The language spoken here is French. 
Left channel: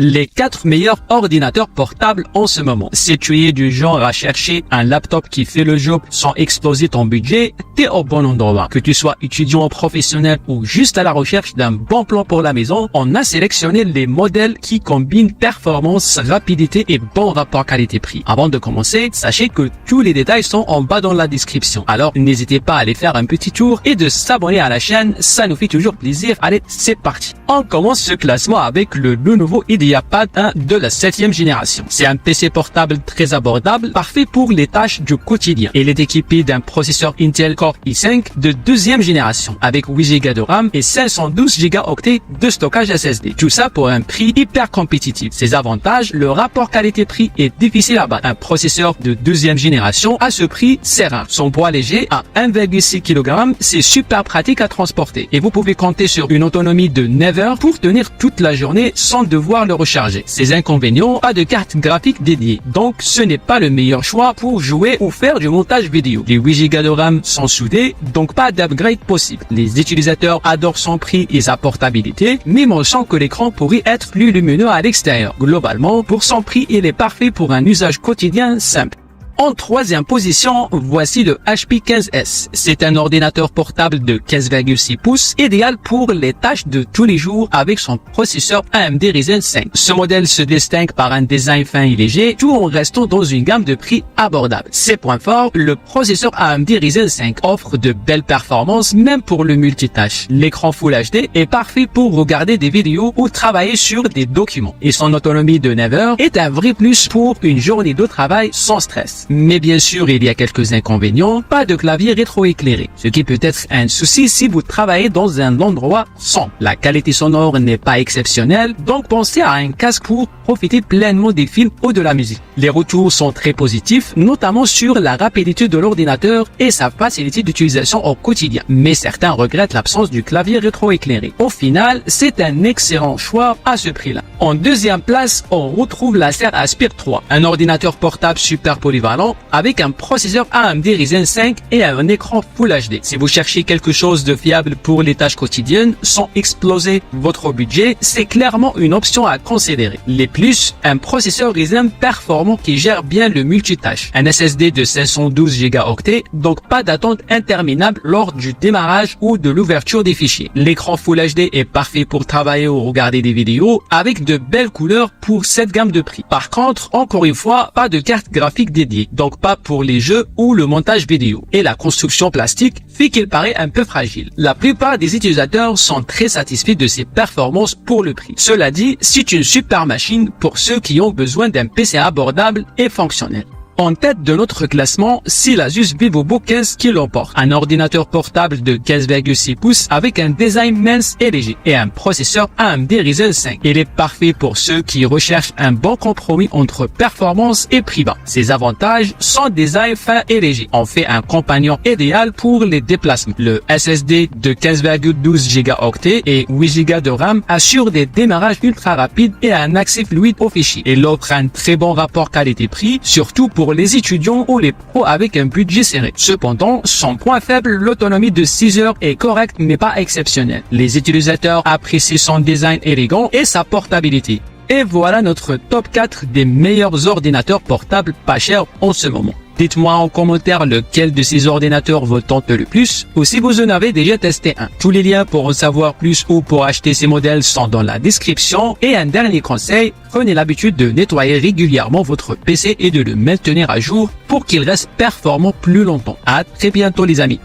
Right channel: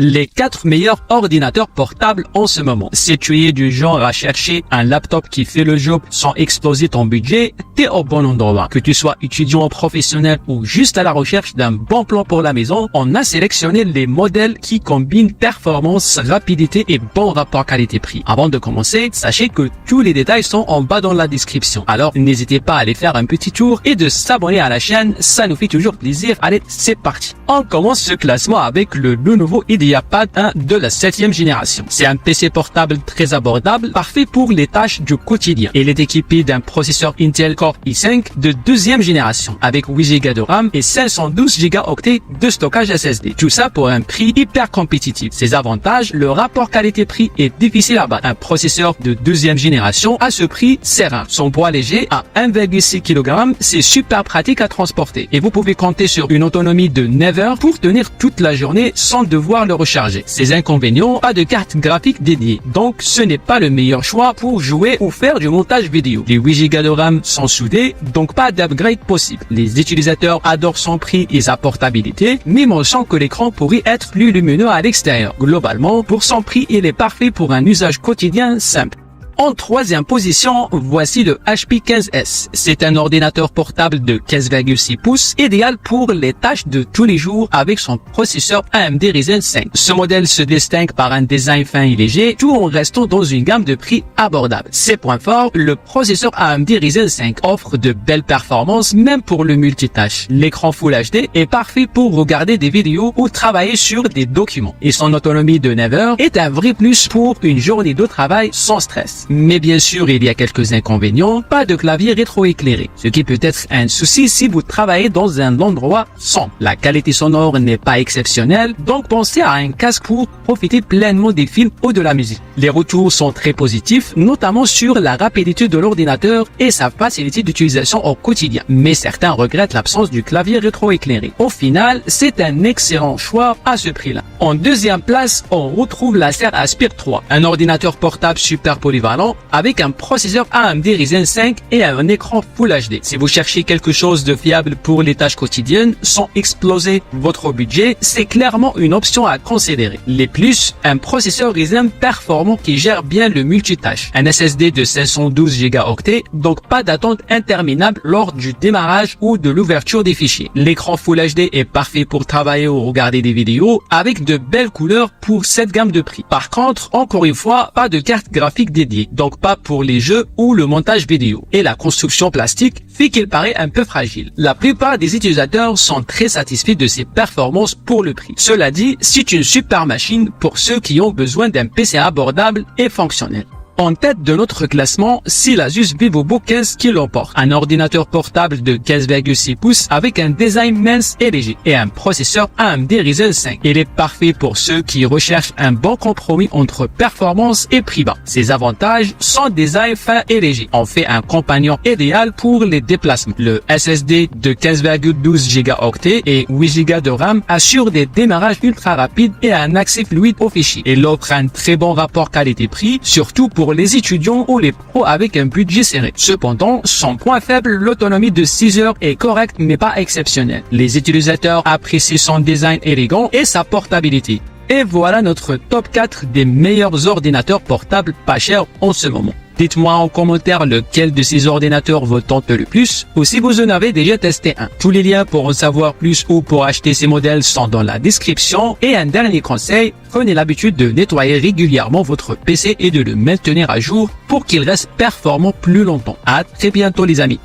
Les 4 meilleurs ordinateurs portables en ce moment. Si tu es du genre à chercher un laptop qui fait le job sans exploser ton budget, t'es au bon endroit. Que tu sois étudiant ou professionnel ou juste à la recherche d'un bon plan pour la maison, on a sélectionné les modèles qui combinent performance, rapidité et bon rapport qualité-prix. Avant de commencer, sachez que tous les détails sont en bas dans la description. Alors n'hésitez pas à aller faire un petit tour et de s'abonner à la chaîne, ça nous fait toujours plaisir. Allez, c'est parti. On commence ce classement avec le nouveau IdeaPad 1 de la 7e génération. C'est un PC portable très abordable, parfait pour les tâches du quotidien. Il est équipé d'un processeur Intel Core i5 de 2e génération avec 8 Go de RAM et 512 Go de stockage SSD. Tout ça pour un prix hyper compétitif. Ses avantages, le rapport qualité-prix est difficile à battre. Un processeur de 2e génération à ce prix, c'est rare. Son poids léger à 1,6 kg, c'est super pratique à transporter. Et vous pouvez compter sur une autonomie de 9 heures pour tenir toute la journée sans devoir le recharger. Ses inconvénients, pas de carte graphique dédiée, donc ce n'est pas le meilleur choix pour jouer ou faire du montage vidéo. Les 8 Go de RAM sont soudés, donc pas d'upgrade possible. Les utilisateurs adorent son prix et sa portabilité, même en sent que l'écran pourrait être plus lumineux à l'extérieur. Globalement, pour son prix, il est parfait pour un usage quotidien simple. En 3e position, voici le HP 15S. C'est un ordinateur portable de 15,6 pouces, idéal pour les tâches de tous les jours avec son processeur AMD Ryzen 5. Ce modèle se distingue par un design fin et léger, tout en restant dans une gamme de prix abordable. Ses points forts, le processeur AMD Ryzen 5 offre de belles performances même pour le multitâche. L'écran Full HD est parfait pour regarder des vidéos ou travailler sur des documents. Et son autonomie de 9 heures est un vrai plus pour une journée de travail sans stress. Mais bien sûr, il y a quelques inconvénients, pas de clavier rétroéclairé, ce qui peut être un souci si vous travaillez dans un endroit sombre. La qualité sonore n'est pas exceptionnelle, donc pensez à un casque pour profiter pleinement des films ou de la musique. Les retours sont très positifs, notamment sur la rapidité de l'ordinateur et sa facilité d'utilisation au quotidien. Mais certains regrettent l'absence du clavier rétroéclairé. Au final, c'est un excellent choix à ce prix-là. En 2e place, on retrouve l'Acer Aspire 3, un ordinateur portable super polyvalent avec un processeur AMD Ryzen 5 et un écran Full HD. Si vous cherchez quelque chose de fiable pour les tâches quotidiennes sans exploser votre budget, c'est clairement une option à considérer. Les plus, un processeur Ryzen performant qui gère bien le multitâche, un SSD de 512 Go, donc pas d'attente interminable lors du démarrage ou de l'ouverture des fichiers. L'écran Full HD est parfait pour travailler ou regarder des vidéos avec de belles couleurs pour cette gamme de prix. Par contre, encore une fois, pas de carte graphique dédiée, donc pas pour les jeux ou le montage vidéo. Et la construction plastique fait qu'elle paraît un peu fragile. La plupart des utilisateurs sont très satisfaits de ses performances pour le prix. Cela dit, c'est une super machine pour ceux qui ont besoin d'un PC abordable et fonctionnel. En tête de notre classement, c'est l'Asus VivoBook 15 qui l'emporte. Un ordinateur portable de 15,6 pouces avec un design mince et léger et un processeur AMD Ryzen 5. Il est parfait pour ceux qui recherchent un bon compromis entre performance et prix bas. Ses avantages sont design fin et léger. En fait un compagnon idéal pour les déplacements. Le SSD de 15,12 Go et 8 Go de RAM assure des démarrages ultra rapides et un accès fluide aux fichiers. Il offre un très bon rapport qualité-prix, surtout pour les étudiants ou les pros avec un budget serré. Cependant, son point faible, l'autonomie de 6 heures est correcte mais pas exceptionnelle. Les utilisateurs apprécient son design élégant et sa portabilité. Et voilà notre top 4 des meilleurs ordinateurs portables pas chers en ce moment. Dites-moi en commentaire lequel de ces ordinateurs vous tente le plus ou si vous en avez déjà testé un. Tous les liens pour en savoir plus ou pour acheter ces modèles sont dans la description. Et un dernier conseil, prenez l'habitude de nettoyer régulièrement votre PC et de le maintenir à jour pour qu'il reste performant plus longtemps. À très bientôt les amis.